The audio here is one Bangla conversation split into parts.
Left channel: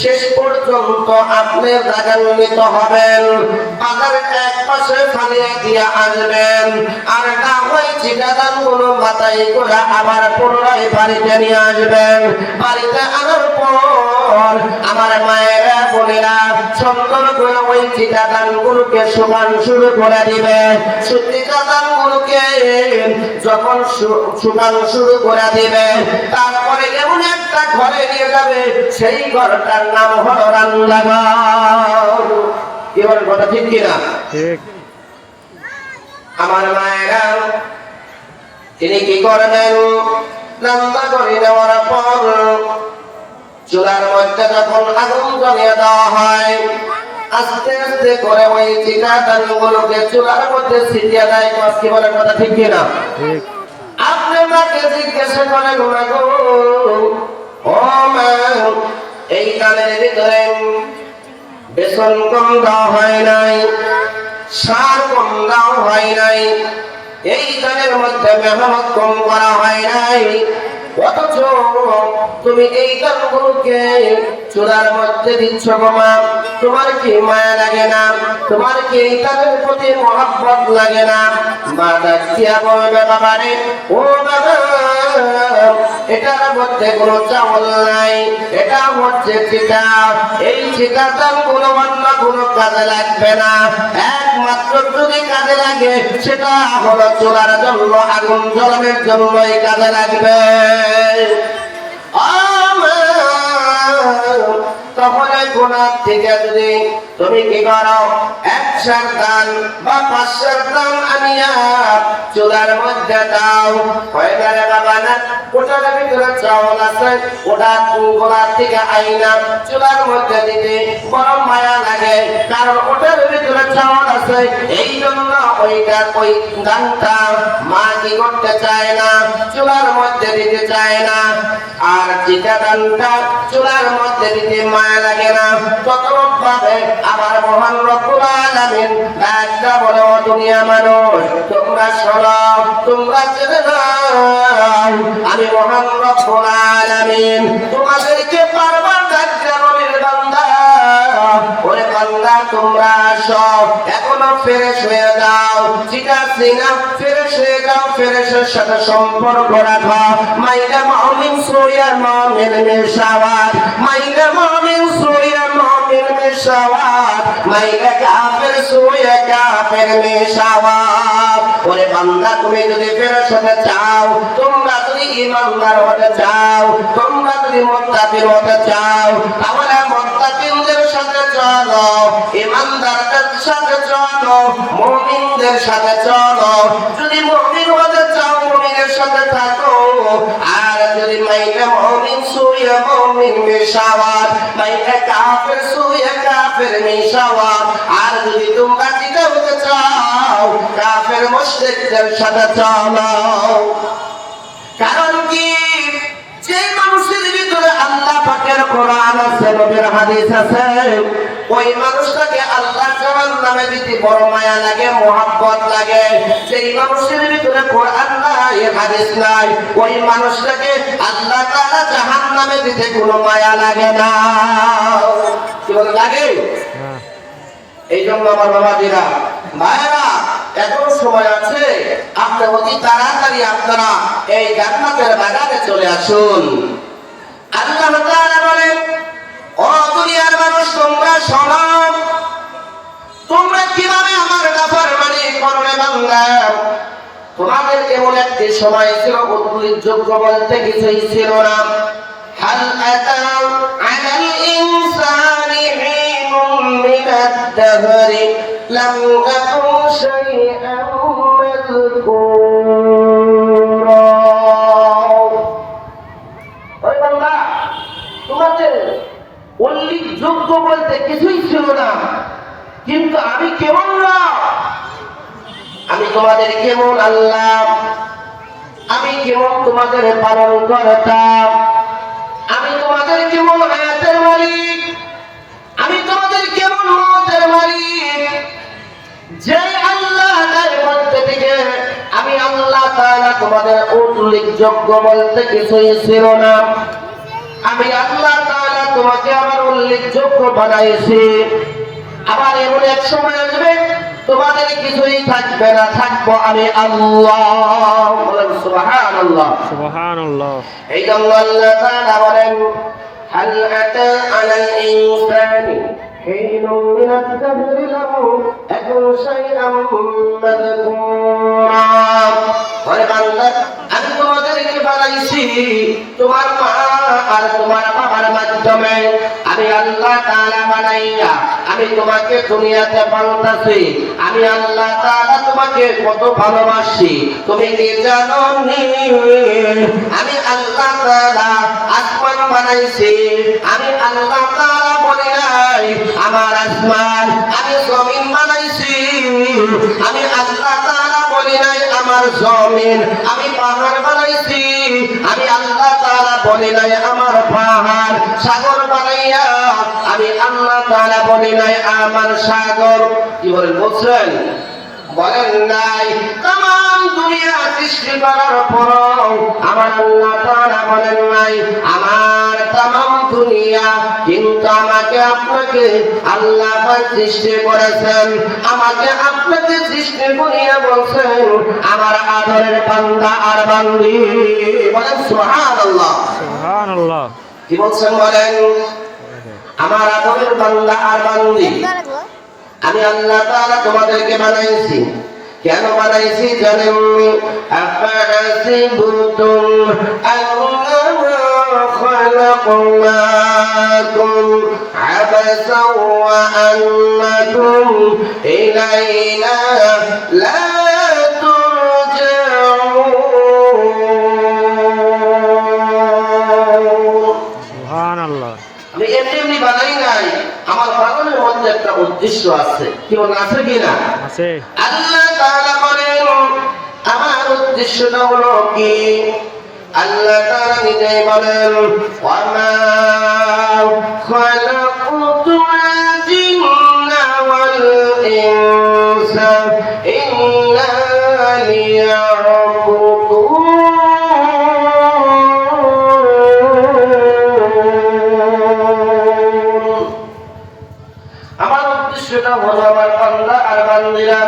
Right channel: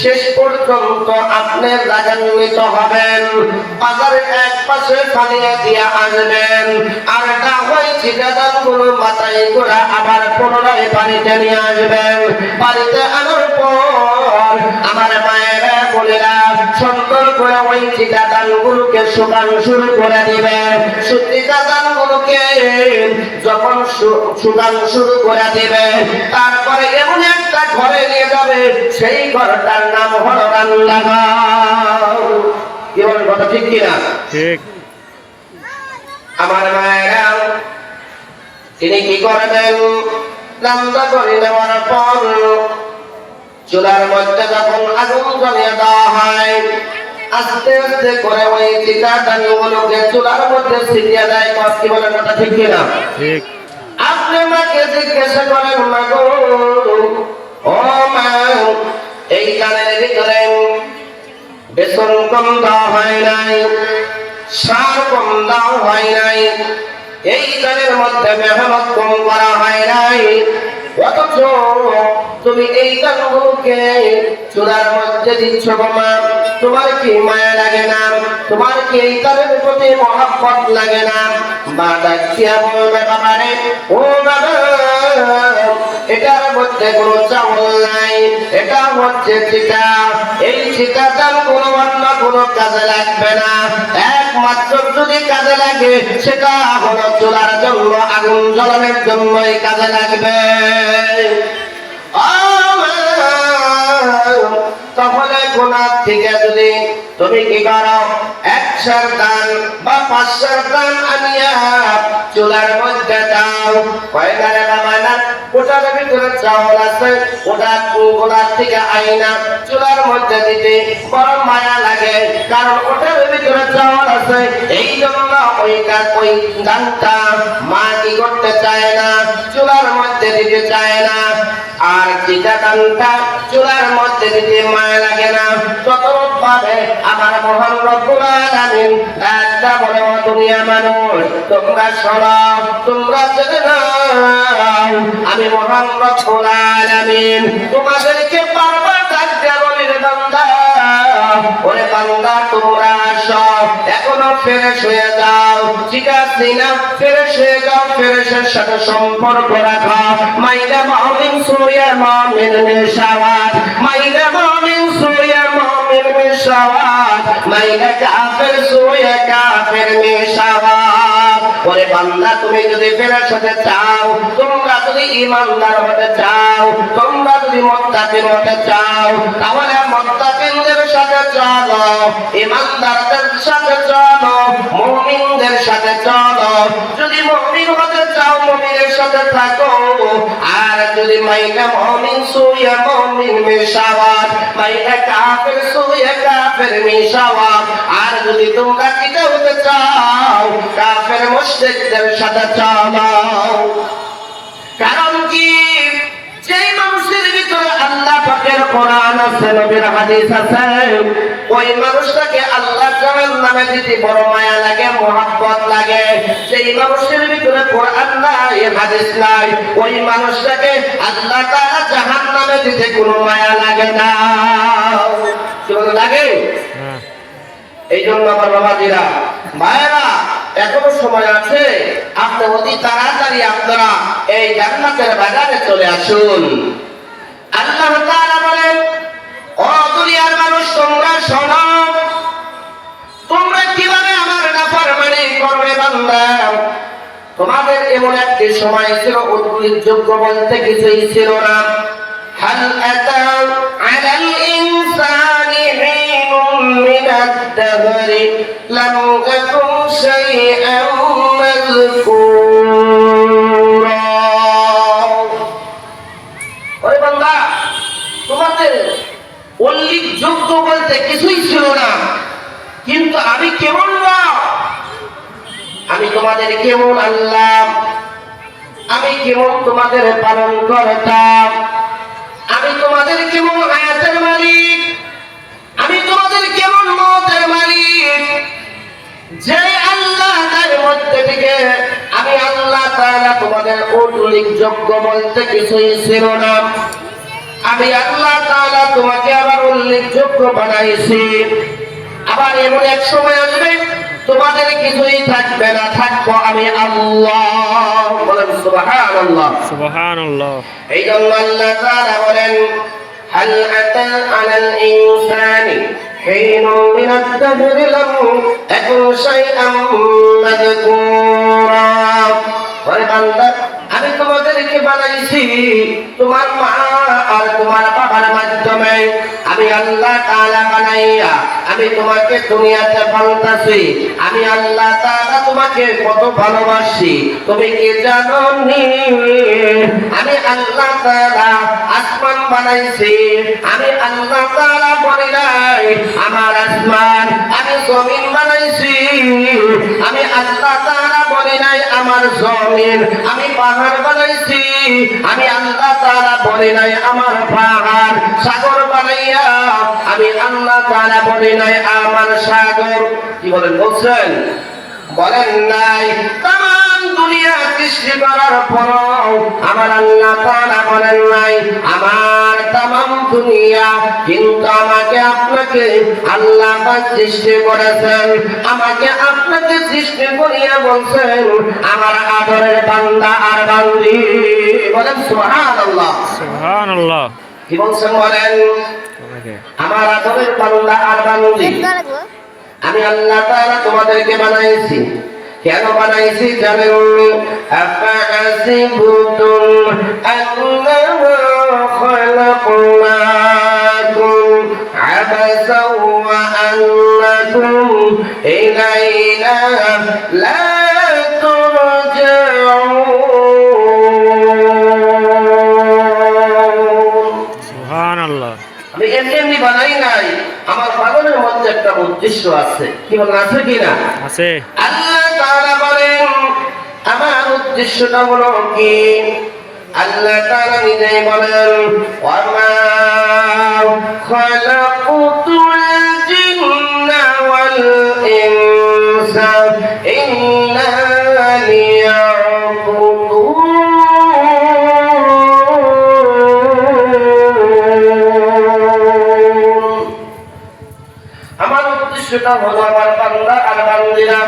শেষ পর্যন্ত আপনি রাগান্বিত হবেন। বাজারের এক পাশে ফালিয়ে দিয়ে আসবেন, আর না হয় চিটাদানগুলো মাথায় করে আবার পুনরায় বাড়িতে নিয়ে আসবেন। বাড়িতে আনার পর আমার মায়েরা বোনেরা সুন্দর করে ওই চিটাদানগুলোকে শুকান শুরু করে দিবে। চিটাদানগুলোকে যখন শুকান শুরু করে দিবে, তারপরে এমন একটা ঘরে নিয়ে যাবে, সেই ঘরটার নাম হলো রান্নাঘর। কি বলেন, কথা ঠিক কিনা? ঠিক। আমার মায়েরা তিনি কি করবেন, রান্না করে নেওয়ার পর চুলার মধ্যে যখন আগুন জ্বালিয়ে দেওয়া হয়, আস্তে আস্তে করে ওই চিটাদানগুলোকে চুলার মধ্যে ছিটিয়ে দেয়। কি বলেন, কথা ঠিক কিনা? ঠিক। আপনি মাকে জিজ্ঞাসা করেন, মা গো, ও মা, এই দানের ভিতরে বেসন কম দেওয়া হয় নাই, সার কম দেওয়া হয় নাই, এই দানের মধ্যে মেহনত কম করা হয় নাই, অথচ তুমি এই দানগুলোকে চুলার মধ্যে দিচ্ছ গো মা, তোমার কি মায়া লাগে না? তোমার কি এই দানের প্রতি মহব্বত লাগে না? মা ডাকিয়া বলবে, বাবারে, ও বাবা, এটার মধ্যে কোনো চাউল নাই, এটা হচ্ছে চিটা। এই চিটা দান কোনো অন্য কোনো কাজে লাগবে না, একমাত্র যদি কাজে লাগে সেটা হলো চুলার জন্য, আগুন জ্বালানোর জন্যই কাজে লাগবে। তখন গুনাহ থেকে যদি তুমি কি করো, 100 দান বা 500 দান আনিয়া চুলার মধ্যে দাও, কয়বারে বাবা না, ওটার ভিতরে চাউল আছে, ওটা গোলার থেকে আইনা চুলার মধ্যে দিতে বড় মায়া লাগে, কারণ ওটার ভিতরে চাউল আছে। এই জন্য ওই দানটা মা কি করতে চায় না, চুলার মধ্যে দিতে চায় না। আর যেটা দানটা চুলার মধ্যে দিতে মায়া লাগে না, ততভাবে আমার মহান রব্বুল আলামিন একটা বড় দুনিয়া মানুষ, তোমরা শোনো, তোমরা জেনে নাও, আমি মহান রব্বুল আলামিন তোমাদেরকে বারবার ডাকতে বলি, রে বান্দা, ওরে বান্দা, তোমরা সব এখনো ফ্রেশ হয়ে যাও, ঠিক আছে না? ফ্রেশ হয়ে যাও, ফ্রেশের সাথে সম্পর্ক রাখা। মাইলা মুমিন সুয়া মুমিন মিশাওয়াত, মাইলা মুমিন সুয়া মুমিন মিশাওয়াত, মাইলা কাফের সুয়া কাফের মিশাওয়াত। ওরে বান্দা, তুমি যদি ফ্রেশ হতে চাও, তোমরা যদি ঈমানদার হতে চাও, তোমরা যদি মুত্তাকিন হতে চাও, তাহলে মুত্তাকিনদের সাথে চলো, ঈমানদারদের সাথে চলো, মুমিনদের সাথে চলো। যদি মুমিন হতে চাও, মুমিনের সাথে থাকো। আর যদি মাইনা মুমিন সুয়া মুমিন মিশাওয়াত, মাইনা কাফের সুয়া কাফের মিশাওয়াত। আর যদি তোমরা কিটা হতে চাও, কাফের মুশরিকদের সাথে চলো। কারণ কি, যেই মানুষের ভিতরে আল্লাহ পাকের কোরআন আছে, নবীর হাদিস আছে, ওই মানুষটাকে আল্লাহ জাহান্নামে দিতে বড় মায়া লাগে, মহব্বত লাগে। যেই মানুষের ভিতরে কোরআন নাই, হাদিস নাই, ওই মানুষটাকে আল্লাহ তাআলা জাহান্নামে দিতে কোনো মায়া লাগে না। কি বলে লাগে? এই জন্য আমার বাবাজিরা, মায়েরা, এখনো সময় আছে, আপনি অতি তাড়াতাড়ি আপনারা এই জান্নাতের বাগানে চলে আসুন। আল্লাহ তাআলা বলেন, ও দুনিয়ার মানুষ, তোমরা শোনো, তোমরা কিভাবে আমার নাফরমানি করবে বান্দা। তোমাদের এমন একটি সময় ছিল, উল্লেখযোগ্য বলতে কিছুই ছিল না। হাল আতাউ আলাল ইনসানি হিনুম মিনাদ দাহরি লাম ইয়াকুন শাইআন মাযকুরা। ওই বান্দা, তোমাদের উল্লেখযোগ্য বলতে কিছুই ছিল না, কিন্তু আমি কেমন না, আমি তোমাদের কেমন আল্লাহ, আমি কেমন তোমাদের পালন করতাম, আমি তোমাদের কেমন হায়াতের মালিক, আমি তোমাদের কেমন মওতের মালিক। যে আল্লাহ তার মধ্যে থেকে আমি আল্লাহ তাআলা তোমাদের উল্লেখযোগ্য বলতে কিছুই ছিল না। আমি আল্লাহ তাআলা তোমাকে আবার উল্লেখযোগ্য বানাইছি। আবার এমন এক সময় আসবে তোমাদের কিছুই থাকবে না, থাকবো আমি আল্লাহ। বলেন সুবহানাল্লাহ। সুবহানাল্লাহ। এই জন্য আল্লাহ তাআলা বলেন হাল আতা আলাল ইনসানি হিনুন মিনাদ দাহরি লাম ইয়াকুন শাইআম মাযকুরা। ওরে বান্দা, আমি তোমাদেরকে বানাইছি তোমার মা আর তোমার বাবার মাধ্যমে। আমি আল্লাহ তাআলা বানাইয়া আমি তোমাকে দুনিয়াতে পালতাছি। আমি আল্লাহ তাআলা তোমাকে কত ভালোবাসি তুমি কি জানো নি? আমি আল্লাহ তাআলা আসমান বানাইছি। আমি আল্লাহ তাআলা বলি নাই আমার আসমান, আমি জমিন বানাইছি। আমি আল্লাহ তাআলা বলি নাই আমার জমিন, আমি পাহাড় বানাইছি। আমি আল্লাহ তাআলা বলি নাই আমার পাহাড়। সাগর বানাইয়া আমি আল্লাহ তাআলা বলি নাই আমার সাগর। কি বলেন? বলছেন? বলেন নাই। তাম দুনিয়া সৃষ্টি করার পর আমার আল্লাহ তাআলা বলেন নাই আমার তাম দুনিয়া, কিন্তু আমাকে আপনাকে আল্লাহ পাক সৃষ্টি করেছেন। আমাকে আপনাকে সৃষ্টি করিয়া বলছেন আমার আদরের বান্দা আর বান্দি। বলেন সুবহানাল্লাহ। সুবহানাল্লাহ। কি বলছেন বলেন? আমার আদরের বান্দা আর বান্দি আমি আল্লাহ তাআলা তোমাদেরকে বানাইছি। কেন বানাইছি জানেন? আফাহাসিবতুম আন্নামা খালাকনাকুম আবাসাও ওয়া আন্নাকুম ইলাইনা লা তুরজাউন। সুবহানাল্লাহ। আমি এমনি বানাই নাই, আমার পালনের মধ্যে একটা উদ্দেশ্য আছে। কি বলেন? আছে কিনা? আছে। আল্লাহ তাআলা বলেন আমার উদ্দেশ্যটা হলো কি? আল্লাহ তাআলা নিজেই বলেন ওয়ামা খালাকুতুল জিন্না ওয়াল ইনসা ইল্লা লিয়াবুদুন। আমার উদ্দেশ্যটা হলো আমার বান্দা আর বান্দীরা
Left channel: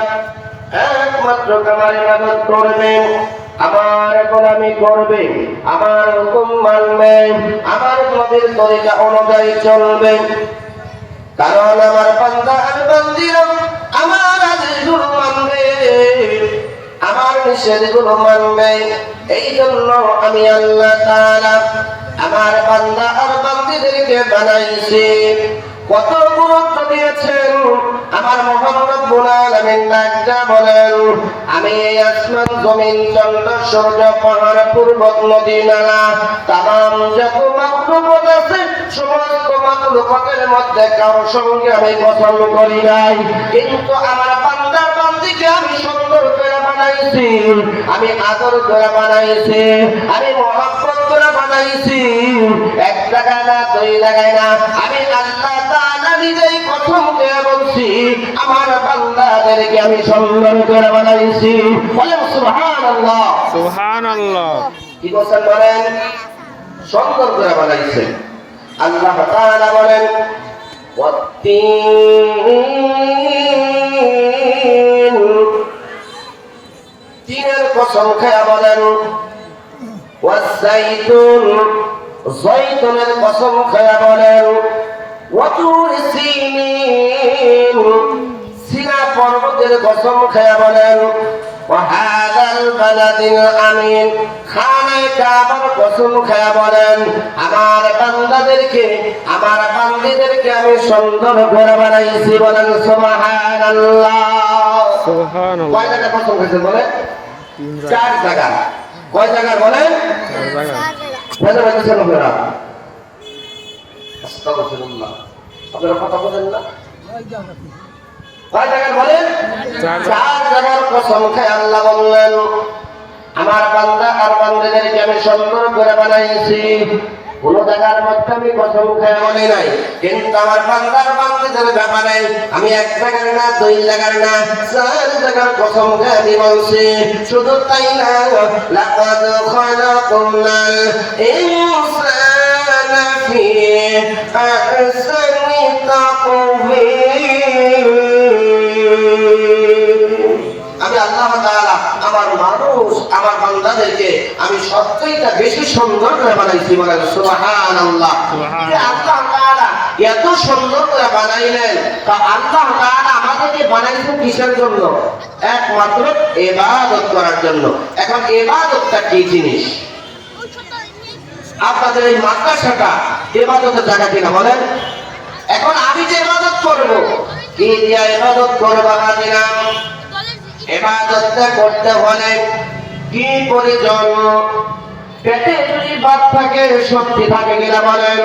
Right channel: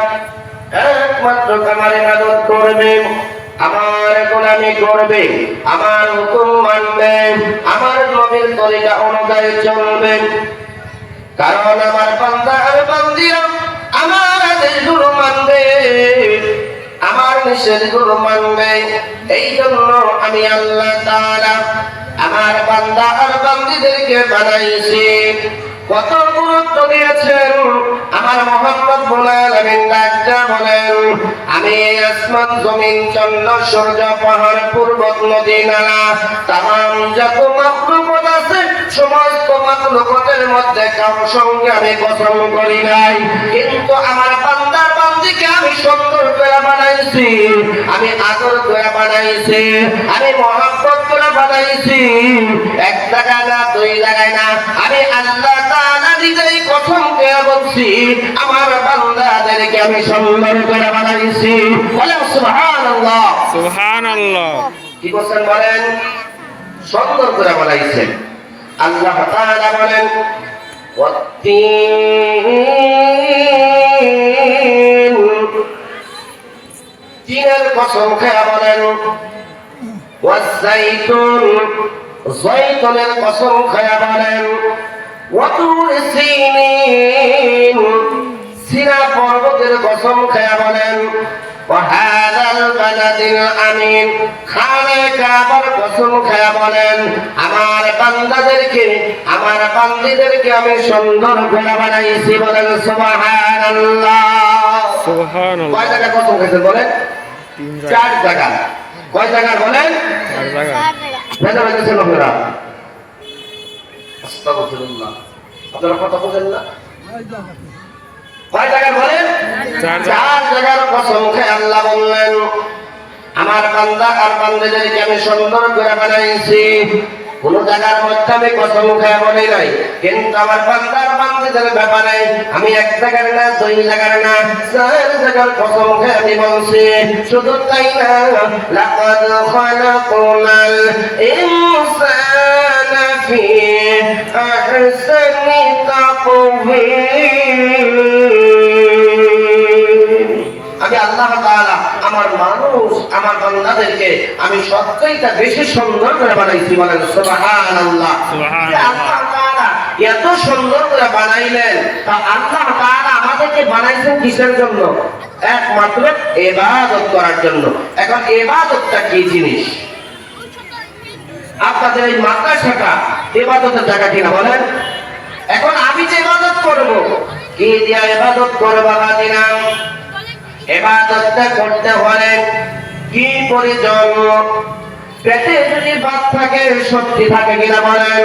একমাত্র আমার ইবাদত করবে, আমার গোলামি করবে, আমার হুকুম মানবে, আমার নবীর তরিকা অনুযায়ী চলবে। কারণ আমার বান্দা আর বান্দীরা আমার আদেশগুলো মানবে, আমার নিষেধগুলো মানবে। এই জন্য আমি আল্লাহ তাআলা আমার বান্দা আর বান্দীদেরকে বানাইছি। কত গুরুত্ব দিয়েছেন আমার মুহাম্মদ আলামিন ডাক্তার বলেন আমি এই আসমান জমিন চন্দ্র সূর্য পাহাড় পর্বত নদী নালা তাম যত মাখলুকাত আছে সমস্ত মাখলুকাতের মধ্যে কারোর সঙ্গে আমি কসম করি নাই, কিন্তু আমার বান্দা বান্দিকে আমি সুন্দর করে বানাইছি, আমি আদর করে বানাইছি, আমি মহব্বত করে বানাইছি। এক জায়গায় না, দুই জায়গায় না, আমি আল্লাহ তাআলা নিজেই কসম করে বলছি আমার বান্দাদেরকে আমি সুন্দর করে বানাইছি। বলেন সুবহানাল্লাহ। সুবহানাল্লাহ। কি বলছেন বলেন? সুন্দর করে বানাইছেন। আল্লাহ তাআলা বলেন ওয়াত্তিন, তিনের কসম খেয়ে বলেন ওয়াজ্জাইতুন, জয়তুনের কসম খেয়ে বলেন ওয়াতুর সিনিন, সিনা পর্বতের কসম খেয়ে বলেন ওয়াহাদাল বালাদিল আমিন, খানায়ে কাবার কসম খেয়ে বলেন আমার বান্দাদেরকে আমার বান্দীদেরকে আমি সুন্দর করে বানাইছি। বলেন সুবহানাল্লাহ। সুবহানাল্লাহ। কয় জায়গা কসম খেয়েছেন বলেন? চার জায়গা। কয় জায়গা বলেন? চার জায়গা। ভেজা ভেজেছেন আপনারা? আস্তাগফিরুল্লাহ। আপনারা কথা বলেন না? কয় জায়গা বলেন? চার জায়গার কসম খেয়ে আল্লাহ বললেন আমার বান্দা আর বান্দীদেরকে আমি সুন্দর করে বানাইছি। কোন জায়গার মধ্যে আমি কসম খেয়ে বলি নাই, কিন্তু আমার বান্দার বান্দীদের ব্যাপারে আমি এক জায়গার না, দুই জায়গার না, চার জায়গার কসম খেয়ে আমি বলছি। শুধু তাই না, লাকাদ খালাকনাল ইনসানা ফি أحسن تقويم আমি আল্লাহ তাআলা আমার মানুষ আমার বান্দাদেরকে আমি সবচেয়ে বেশি সুন্দর করে বানাইছি বলেন সুবহানাল্লাহ সুবহানাল্লাহ। আল্লাহ তাআলা এত সুন্দর করে বানাইলেন তা আল্লাহ তাআলা আমাদেরকে বানাইছেন কিসের জন্য একমাত্র ইবাদত করার জন্য এখন ইবাদতটা কি জিনিস আপনাদের এই মাদ্রাসাটা ইবাদতের জায়গা কিনা বলেন এখন আমি যে ইবাদত করব কি দিয়া ইবাদত করব বাবাজিরা ইবাদতটা করতে হলে কি প্রয়োজন পেটে যদি ভাত থাকে শক্তি থাকে কিনা বলেন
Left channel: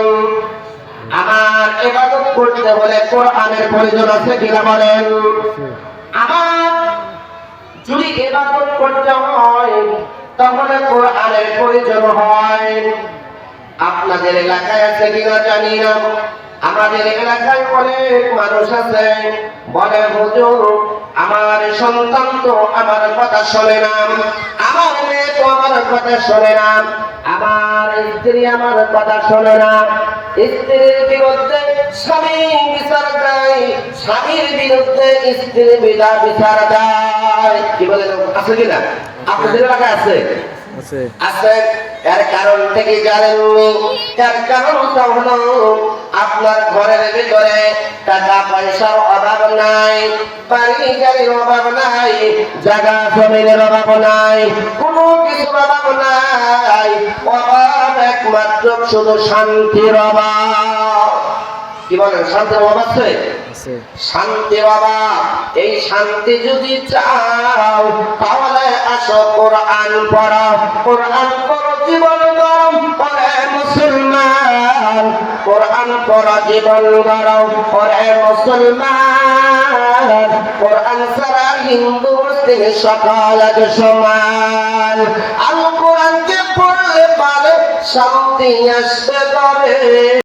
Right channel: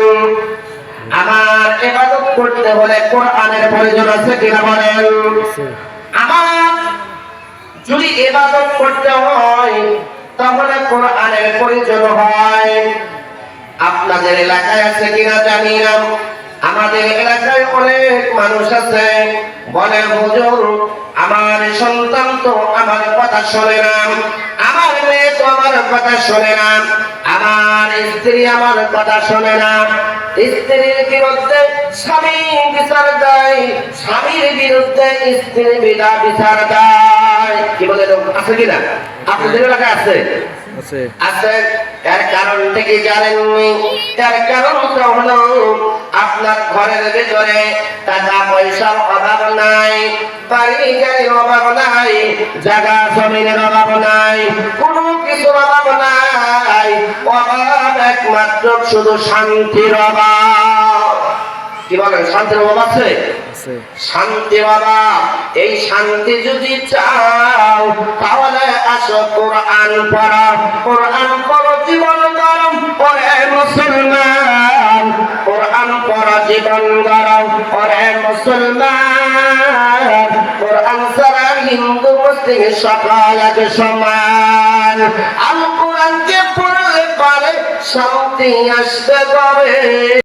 আমার ইবাদত করতে হলে কোরআনের প্রয়োজন আছে কিনা বলেন আমার যদি ইবাদত করতে হয় তাহলে কোরআনের প্রয়োজন হয় আপনাদের এলাকায় আছে কিনা জানি না আমাদের এলাকায় অনেক মানুষ আছে বলে হুজুর আমার সন্তান তো আমার কথা শোনে না আমার মেয়ে তো আমার কথা শোনে না আমার স্ত্রী আমার কথা শোনে না স্ত্রীর বিরুদ্ধে স্বামী বিচার দেয় স্বামীর বিরুদ্ধে স্ত্রী বিচার দেয় কি বলে আছে কিনা আপনাদের এলাকায় আছে আছে আছে এর কারণ থেকে জানেননি এর কারণটা হলো আপনার ঘরের ভিতরে টাকা পয়সার অভাব নাই বাড়ি গাড়ির অভাব নাই জায়গা জমিনের অভাব নাই কোনো কিছুর অভাব নাই অভাব একমাত্র শুধু শান্তির অভাব কি বলেন শান্তির অভাব আছে আছে শান্তি বাবা এই শান্তি যদি চাও তাহলে আসো কোরআন পড়ো কোরআন পড়ো জীবন গরম ওরে মুসলমান কোরআন পড়ো জীবন গরম ওরে মুসলমান কোরআন ছাড়া হিন্দু মুসলিম সকল এক সমান আল কোরআনকে পড়লে পারে শান্তি আসতে পারে।